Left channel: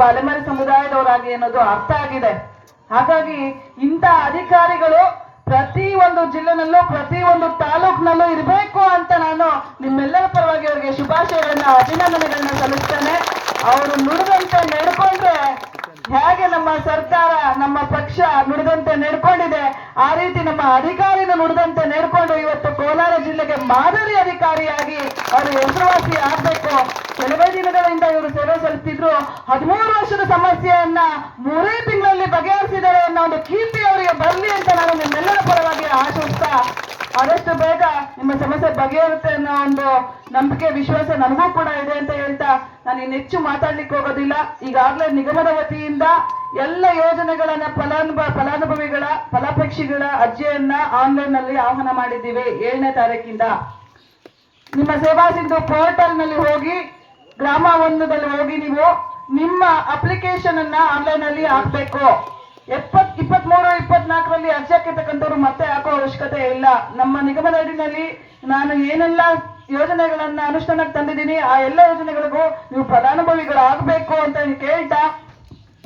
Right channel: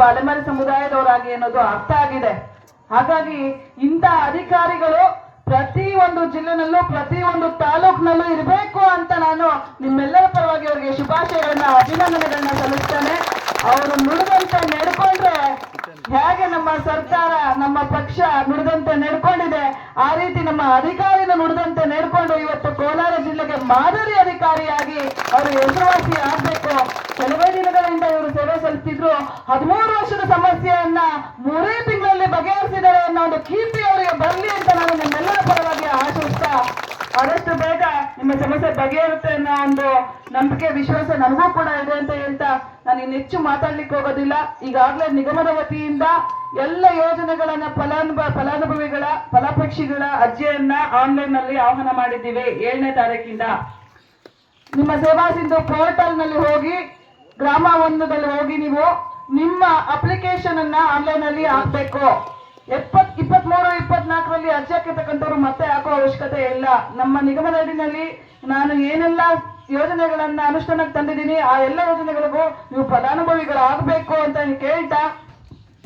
ಒಬ್ಬ ಅಲೆಮಾರಿ ಸಮುದಾಯದವರಾಗಿ ಅನ್ನೋದು ಅರ್ಥ ಆಗಿದೆ. ಹಾಗಾಗಿ ಇಂಥ ಅಧಿಕಾರಿಗಳು ಪ್ರತಿ ಒಂದು ಜಿಲ್ಲೆನಲ್ಲೂ ಪ್ರತಿ ಒಂದು ತಾಲೂಕಿನಲ್ಲೂ ಇರಬೇಕು ಅಂತ ನಾನು ನಿಮ್ಮೆಲ್ಲರ ಪರವಾಗಿ ಅವರಿಗೆ ಶುಭಾಶಯಗಳನ್ನ ಅಭಿನಂದನೆಗಳನ್ನ ಸಲ್ಲಿಸ್ತೇನೆ. ಅವರು ನುಡಿದಂತೆ ನಡ್ಕೊಂಡ್ರೆ ಹೇಗೆ ನಮ್ಮ ಸರ್ಕಾರ ನಮ್ಮ ಪಕ್ಷ ನುಡಿದಂತೆ ನಡ್ಕೊಂಡಿದೆ ಆ ರೀತಿ ನಮ್ಮ ಅಧಿಕಾರಿನ ನುಡಿದಂತೆ ನಡ್ಕೊಂಡು ಇವತ್ತು ಕೋಲಾರ ಜಿಲ್ಲೆಗೆ ಮಾದರಿ ಅಧಿಕಾರಿಯಾಗಿ ಅವರು ಹೆಸರುವಾಸಿ ಆಗ್ಬೇಕು. ಕೆಲವೇ ದಿನಗಳಿಂದ ಇವರು ಸೇವೆ ಸಲ್ಲಿಸಿದ್ರು 13 ವರ್ಷದ ಸಮಸ್ಯೆಯನ್ನ 3 ತಿಂಗಳಲ್ಲಿ ಬಗೆಹರಿಸಿದ್ದಾರೆ ಅನ್ನೋ ಒಂದು ಕೀರ್ತಿ ಅವರಿಗೆ ಬರಲಿ ಅಂತ ನಾನು ನಿಮ್ಮೆಲ್ಲರ ಪರವಾಗಿ ಆಶಿಸ್ತಾ ಆದಷ್ಟು ಬೇಗ ನಿಮ್ಮ ಸಮಸ್ಯೆ ಬಗೆಹರುತ್ತೆ ಅನ್ನೋ ಒಂದು ನಂಬಿಕೆ ವಿಶ್ವಾಸ ನನಗೂ ಕೂಡ ಇದೆ ಅಂತ ಹೇಳ್ತಾ ನಾನು ಇನ್ನೆಚ್ಚು ಮಾತಾಡ್ಲಿಕ್ಕೆ ಹೋಗೋದಿಲ್ಲ. ಈಗಾಗಲೇ ನಿಗಮದ ವತಿಯಿಂದ ಎಲ್ಲ ಯೋಜನೆಗಳನ್ನ ಫಲಾನುಭವಿಗಳ ಫಲಾಪೇಕ್ಷಿಗಳ ಅರ್ಜಿಯನ್ನ ಆನ್ಲೈನ್ ನಲ್ಲಿ ಆಹ್ವಾನ ಮಾಡಿದ್ದೀವಿ. 7ನೇ ತಾರೀಕಿಂದ ನಿಮ್ಮ ಸೇವಾ ಸಿಂಧು ಪೋರ್ಟಲ್ ನಲ್ಲಿ ಹೋಗಿ ಗ್ರಾಮ 1ದಲ್ಲಿ ಹೋಗಿ ನೀವು ನಿಮ್ಮ ಅಪ್ಲಿಕೇಶನ್ ಅನ್ನ ಆನ್ಲೈನ್ ಅಲ್ಲಿ ಹಾಕ್ಬೇಕು. 23, 24ರಲ್ಲಿ ಅರ್ಜಿ ಹಾಕಿರ್ತಕ್ಕಂಥವ್ರು ಮತ್ತೆ ಹಾಕೋ ಅವಶ್ಯಕತೆ ಇಲ್ಲ. ನಮ್ಮ ನಿಗಮದ ಅಡಿನಲ್ಲಿ ನಾನು ಏನೆಲ್ಲ ಯೋಜನೆಗಳನ್ನ ಅನುಷ್ಠಾನಕ್ಕೆ ತಂದಿದ್ದೀನಿ ಆ ಎಲ್ಲ ಯೋಜನೆಗಳಿಗೂ ನೀವು ಫಲಾನುಭವಿಗಳಾಗಬೇಕು ಅಂತ ಕೇಳ್ತಾ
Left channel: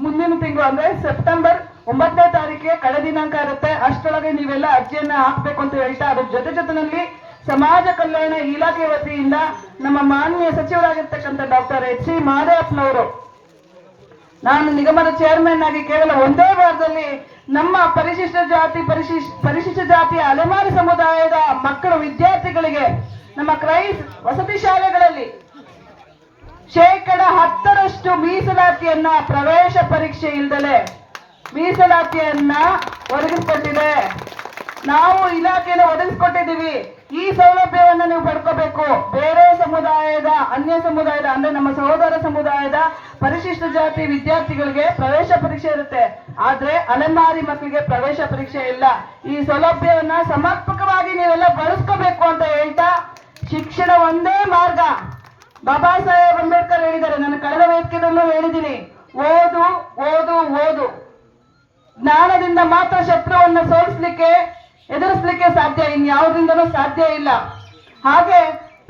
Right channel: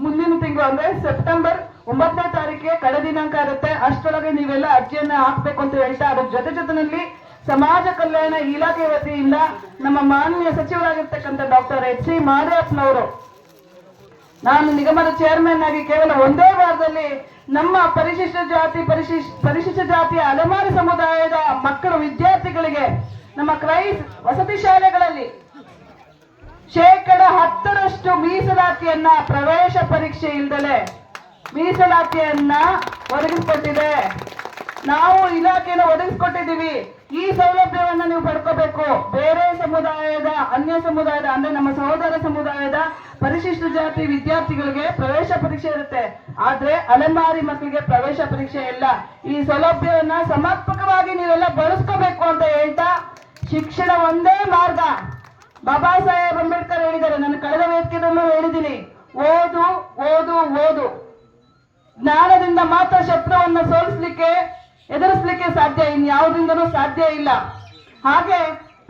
ಮುಂದಿನ ತಿಂಗಳು ಅಂದ್ರೆ ಸೆಪ್ಟೆಂಬರ್ 9ನೇ ತಾರೀಕಿಗೆ ಕಡೆ ದಿನಾಂಕ ಇರುತ್ತೆ. ಅಷ್ಟರೊಳಗೆ ನೀವೆಲ್ಲ ಅರ್ಜಿಯನ್ನ ಹಾಕ್ಬೇಕು ಅಂತ ಹೇಳ್ತಾ ಅದ್ರ ಜೊತೆನಲ್ಲಿ ಸಮಾಜ ಕಲ್ಯಾಣ ಇಲಾಖೆ ವತಿಯಿಂದ ನಮ್ಮ ಮಾನ್ಯ ಸಚಿವರಾಗಿರ್ತಕ್ಕಂಥ ಡಾಕ್ಟರ್ ಎಚ್ ಸಿ ಮಾದೇವಪ್ಪನವರು ನಾನು ನಿಗಮದ ಚೇರ್ಮನ್ ಆಗಿ ಕೇವಲ ಒಂದೇ ವಾರದಲ್ಲಿ ನಮ್ಮ ಪರಿಶಿಷ್ಟ ಜಾತಿಯ ಅಲೆಮಾರಿ ಸಮುದಾಯದ ಮಕ್ಕಳು ವಿದ್ಯಾರ್ಥಿಗಳಿಗೆ ನಮ್ಮ ಕ್ರೈಸ್ ವಸತಿ ಶಾಲೆಗಳಲ್ಲಿ 10% ಮೀಸಲಾತಿಯನ್ನ ಪ್ರವೇಶ ಪರೀಕ್ಷೆ ಇಲ್ದಲೆ ಮೀಸಲಾತಿಯನ್ನ ಒದಗಿಸಿಕೊಟ್ಟಿದೆ. ನಾವು ಇಲಾಖೆಯನ್ನು ಒದಗಿಸಿಕೊಟ್ಟಿದ್ದೀವಿ. ಈ ಸೌಲಭ್ಯವನ್ನ ನೀವು ಪಡ್ಕೋಬೇಕು. ಬೇರೆ ಸಮುದಾಯದ ಅನ್ಯ ಸಮುದಾಯದ ಅಂದ್ರೆ ನಮ್ಮ ಸಹೋದರ ಸಮುದಾಯದ ಪರಿಶಿಷ್ಟ ಜಾತಿ ವಿದ್ಯಾರ್ಥಿಗಳಿಗೆ ಪ್ರವೇಶ ಪರೀಕ್ಷೆ ಇರುತ್ತೆ. ಆದ್ರೆ ಅಲೆಮಾರಿ ಮಕ್ಕಳಿಗೆ ಪ್ರವೇಶ ಪರೀಕ್ಷೆ ಇಲ್ಲ. ಈ ಸೌಲಭ್ಯವನ್ನ ಸಮರ್ಪಕವಾಗಿ ನೀವೆಲ್ಲ ಬಳಸ್ಕೋಬೇಕು ಅಂತ ಹೇಳ್ತಾ ಶಿಕ್ಷಣ ಒಂದೇ ಮಾರ್ಗ. ಬಾಬಾ ಸಾಹೇಬ್ ಅಂಬೇಡ್ಕರ್ ಹೇಳಿದ್ದಾರೆ, ನಾನು ಕಳೆದ ವೇದಿಕೆಯಲ್ಲೂ ಹೇಳಿದ್ದೀನಿ, ಓದು ಓದು ಓದು. ಜ್ಞಾನದಿಂದ ಮಾತ್ರ ಶತ್ರುವನ್ನ ಸೋಲಿಸ್ಲಿಕ್ಕೆ ಎದುರಿಸಲಿಕ್ಕೆ ಸಾಧ್ಯ, ಇನ್ಯಾವುದರಿಂದನೂ ಸಾಧ್ಯ ಇಲ್ಲ. ಹಾಗೆ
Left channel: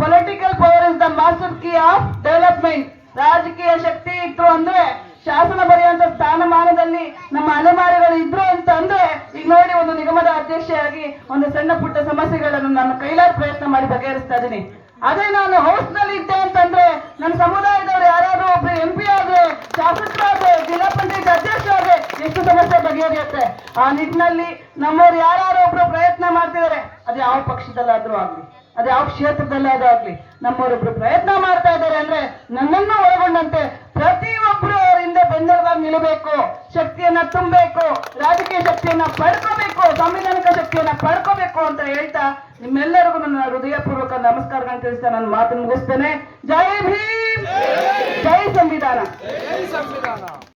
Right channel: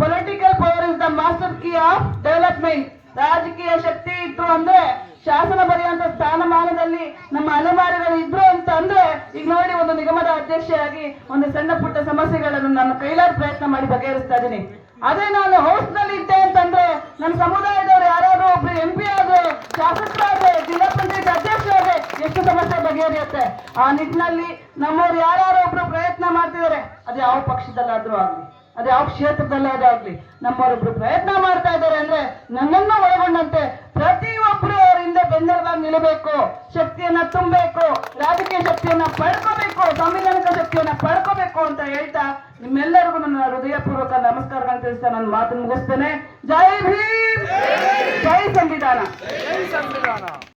political power is the master key of development. ರಾಜಕೀಯ ಶಕ್ತಿ ಇತ್ತು ಅಂದ್ರೆ ಶಾಸನ ಬರೆಯುವಂತ ಸ್ಥಾನಮಾನದಲ್ಲಿ ನಮ್ಮ ಅಲೆಮಾರಿಗಳು ಇದ್ರು ಅಂತ ಅಂದ್ರೆ ಈಗ ನೋಡಿ ಒಂದು ನಿಗಮದ ಅಧ್ಯಕ್ಷೆಯಾಗಿ ಒಂದು ಸಣ್ಣ ಪುಟ್ಟ ಸಮಸ್ಯೆಗಳನ್ನು ನಾನು ಕೈಲಾದ ಪ್ರಯತ್ನ ಮಾಡಿ ಬಗೆಹರಿಸ್ತಾ ಇದ್ದೀನಿ. ಅದೇ ನಾನು ಹೌಸ್ ನಲ್ಲಿ ಇದ್ದೆ ಅಂತಂದ್ರೆ ನನ್ನ ಸಮುದಾಯದವರು ಯಾರಾದ್ರೂ ಒಬ್ರು MP ಆದ್ರೆ ಶಾಸಕರಾದ್ರೆ ಜಿಲ್ಲಾ ಪಂಚಾಯತ್ ಅಧ್ಯಕ್ಷರಾದ್ರೆ ಎಷ್ಟು ಸಮಸ್ಯೆ ಬಗೆಹರಿಯುತ್ತೆ. ಆ ನಿಟ್ಟಿನಲ್ಲಿ ನಮ್ಮವ್ರು ಯಾರು ಒಬ್ರು ಪ್ರಯತ್ನ ಮಾಡ್ತಿದ್ದಾರೆ, ಅದು ಯಾವ ಪಕ್ಷದಲ್ಲಾದ್ರೂ ಆಗ್ಲಿ ಅದು ಯಾವ ಕ್ಷೇತ್ರದಲ್ಲಾದ್ರೂ ಆಗ್ಲಿ ನಮ್ಮವರೊಬ್ರು ಪ್ರಯತ್ನ ಮಾಡ್ತಾ ಇದ್ದಾರೆ ಅಂದ್ರೆ ನನ್ನನ್ನು ಒಳಗೊಂಡಂತೆ ಪ್ರತಿಯೊಬ್ರು ಅವರಿಂದ ಬೆನ್ನೆಲುಬಾಗಿ ನಿಲ್ಲಬೇಕು, ಶಕ್ತಿಯನ್ನ ತುಂಬಬೇಕು, ರಾಜಕೀಯ ಶಕ್ತಿಯನ್ನ ಪಡ್ಕೋಬೇಕು, ಸಂವಿಧಾನಿಕ ಶಕ್ತಿಯನ್ನ ಪಡ್ಕೋಬೇಕು ಅಂತ ಹೇಳ್ತಾ ನಿಮ್ಮೆಲ್ಲರಿಗೂ ನನ್ನ ಹೃದಯಪೂರ್ವಕ ನಮಸ್ಕಾರಗಳನ್ನು ತಿಳಿಸ್ತಾ ನನ್ನ ಮಾತು ಮುಗಿಸ್ತೇನೆ. ಜೈ ಭೀಮ್, ಜೈ ಸಂವಿಧಾನ.